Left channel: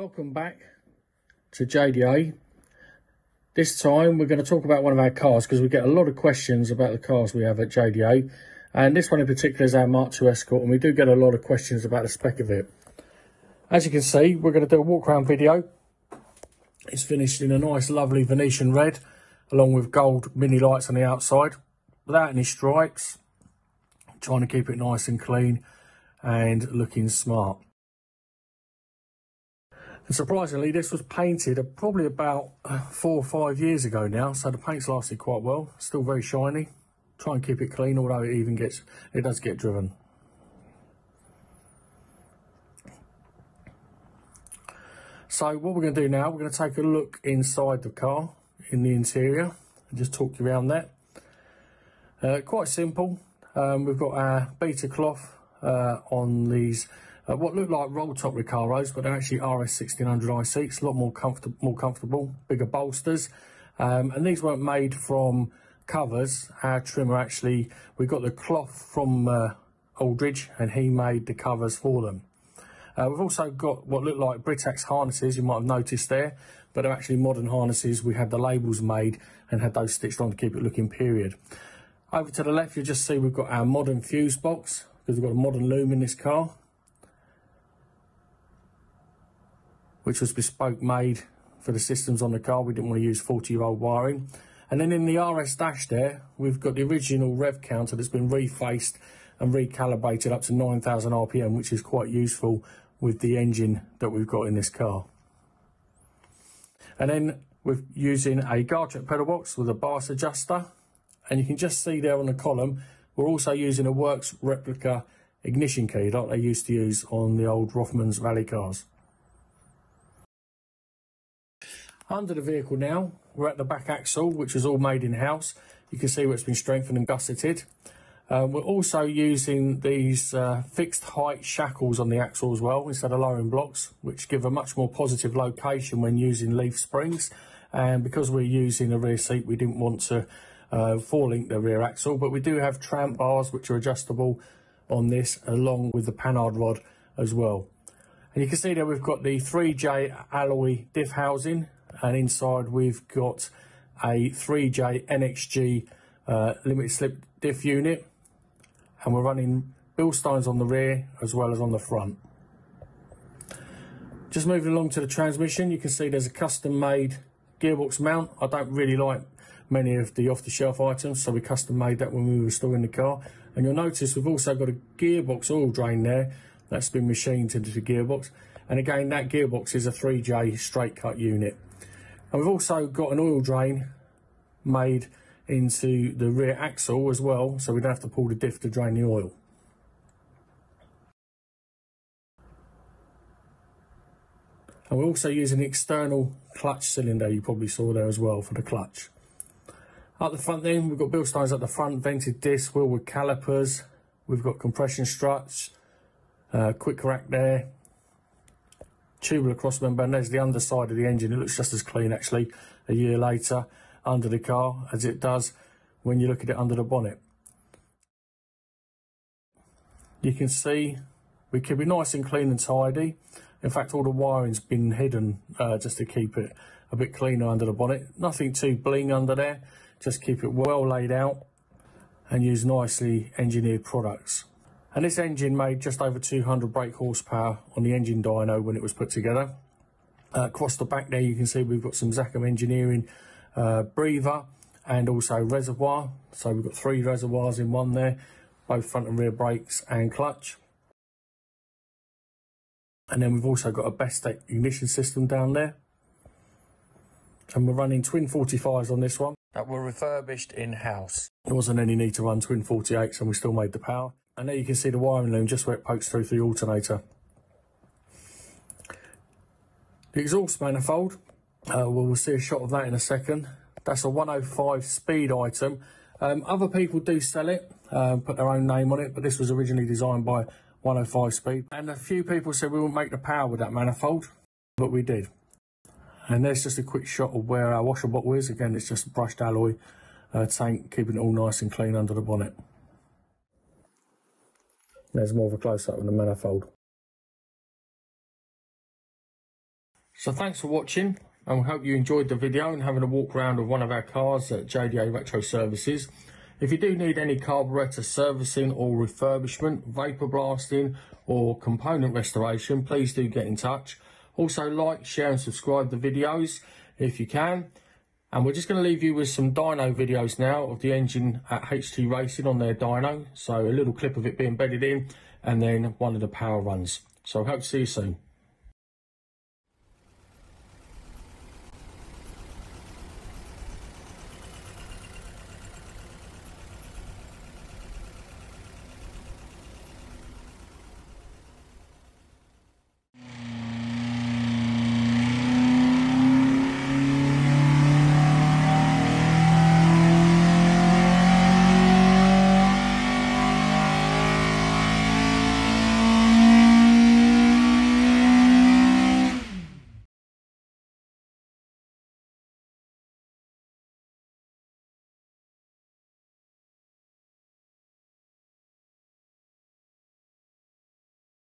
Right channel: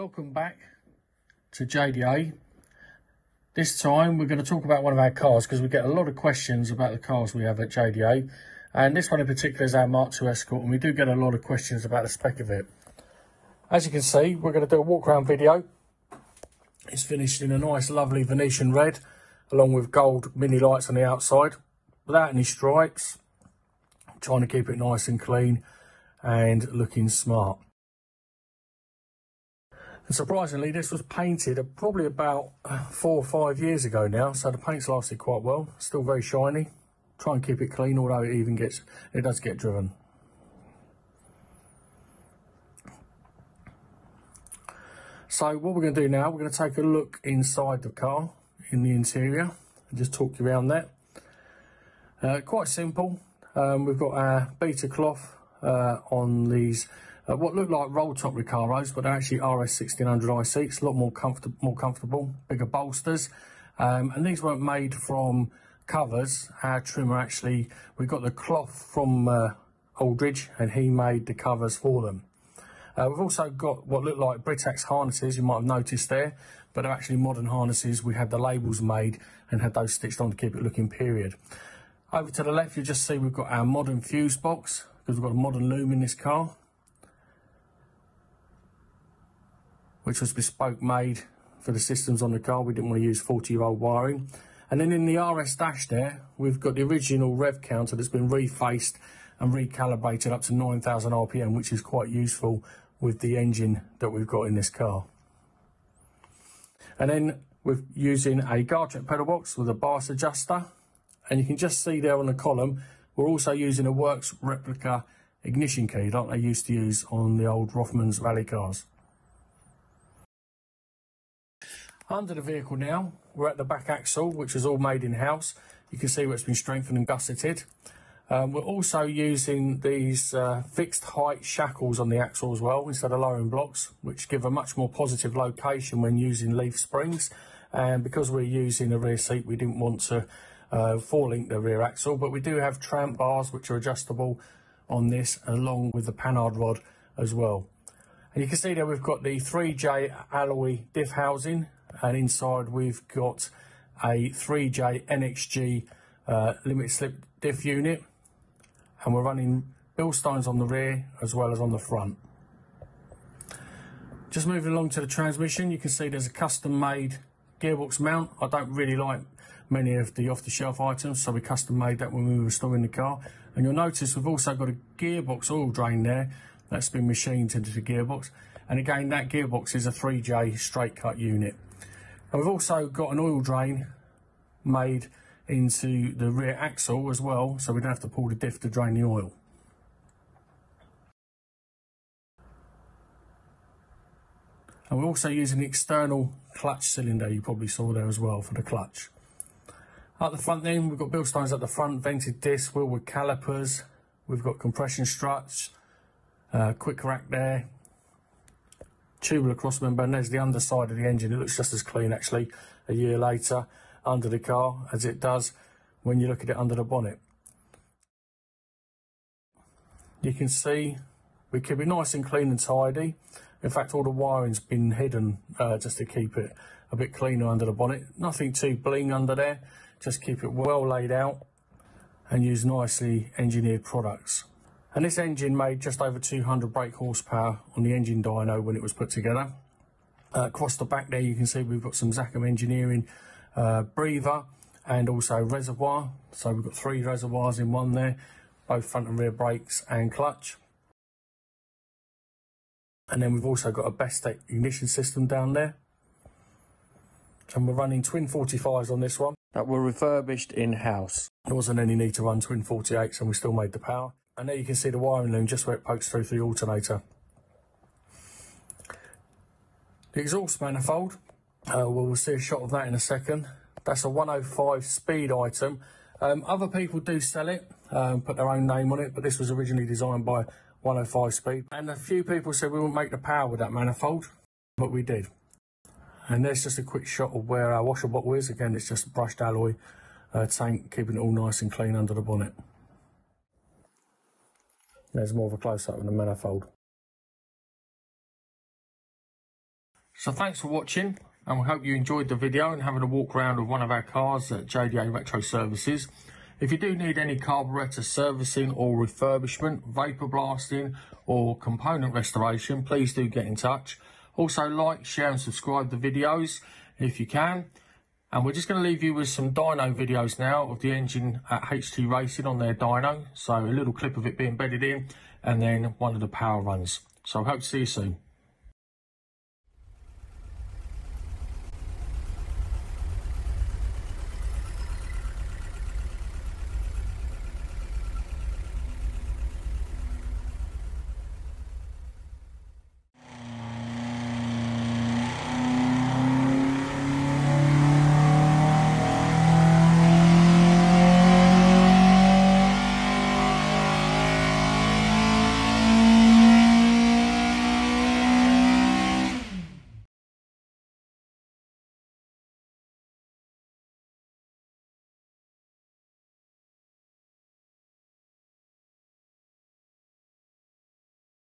Welcome back to JDA. This time we're going to talk about one of our cars because we get a lot of questions about the cars we have at JDA, and this one in particular is our MK2 Escort, and we do get a lot of questions about the spec of it. As you can see, we're going to do a walk around video. It's finished in a nice lovely Venetian red along with gold mini lights on the outside without any stripes. I'm trying to keep it nice and clean and looking smart. And surprisingly, this was painted probably about 4 or 5 years ago now, so the paint's lasted quite well. Still very shiny. Try and keep it clean, although it does get driven. So what we're going to do now, we're going to take a look inside the car, in the interior, and just talk you around that. Quite simple. We've got our beta cloth on these what look like roll top Recaros, but they're actually RS 1600i seats, a lot more comfortable, bigger bolsters, and these weren't made from covers. Our trimmer actually, we got the cloth from Aldridge, and he made the covers for them. We've also got what look like Britax harnesses, you might have noticed there, but they're actually modern harnesses. We had the labels made and had those stitched on to keep it looking period. Over to the left, you'll just see we've got our modern fuse box, because we've got a modern loom in this car, which was bespoke made for the systems on the car. We didn't want to use 40-year-old wiring. And then in the RS dash there, we've got the original rev counter that's been refaced and recalibrated up to 9,000 RPM, which is quite useful with the engine that we've got in this car. And then we're using a guard check pedal box with a bias adjuster. And you can just see there on the column, we're also using a Works replica ignition key like they used to use on the old Rothmans rally cars. Under the vehicle now, we're at the back axle, which is all made in-house. You can see where it's been strengthened and gusseted. We're also using these fixed height shackles on the axle as well, instead of lowering blocks, which give a much more positive location when using leaf springs. And because we're using a rear seat, we didn't want to four-link the rear axle, but we do have tramp bars which are adjustable on this, along with the panhard rod as well. And you can see that we've got the 3J alloy diff housing, and inside we've got a 3J NXG limited slip diff unit, and we're running Bilsteins on the rear as well as on the front. Just moving along to the transmission, you can see there's a custom made gearbox mount. I don't really like many of the off-the-shelf items, so we custom made that when we were restoring the car. And you'll notice we've also got a gearbox oil drain there that's been machined into the gearbox, and again that gearbox is a 3J straight cut unit. And we've also got an oil drain made into the rear axle as well, so we'd have to pull the diff to drain the oil. And we're also using an external clutch cylinder, you probably saw there as well, for the clutch. At the front then, we've got Bilsteins at the front, vented disc, wheel with calipers, we've got compression struts, quick rack there, tubular crossmember, and there's the underside of the engine. It looks just as clean actually a year later under the car as it does when you look at it under the bonnet. You can see we keep it nice and clean and tidy. In fact, all the wiring's been hidden just to keep it a bit cleaner under the bonnet. Nothing too bling under there, just keep it well laid out and use nicely engineered products. And this engine made just over 200 brake horsepower on the engine dyno when it was put together. Across the back there you can see we've got some Zachem Engineering breather and also reservoir. So we've got 3 reservoirs in one there, both front and rear brakes and clutch. And then we've also got a Bestech ignition system down there. And we're running twin 45s on this one that were refurbished in-house. There wasn't any need to run twin 48s, so we still made the power. And there you can see the wiring loom just where it pokes through for the alternator. The exhaust manifold, we'll see a shot of that in a second. That's a 105 speed item. Other people do sell it, put their own name on it, but this was originally designed by 105 speed. And a few people said we won't make the power with that manifold, but we did. And there's just a quick shot of where our washer bottle is. Again, it's just a brushed alloy tank, keeping it all nice and clean under the bonnet. There's more of a close-up of the manifold. So thanks for watching, and we hope you enjoyed the video and having a walk around of one of our cars at JDA Retro Services. If you do need any carburettor servicing or refurbishment, vapor blasting or component restoration, please do get in touch. Also like, share and subscribe the videos if you can. And we're just going to leave you with some dyno videos now of the engine at HT Racing on their dyno. So a little clip of it being bedded in and then one of the power runs. So I hope to see you soon.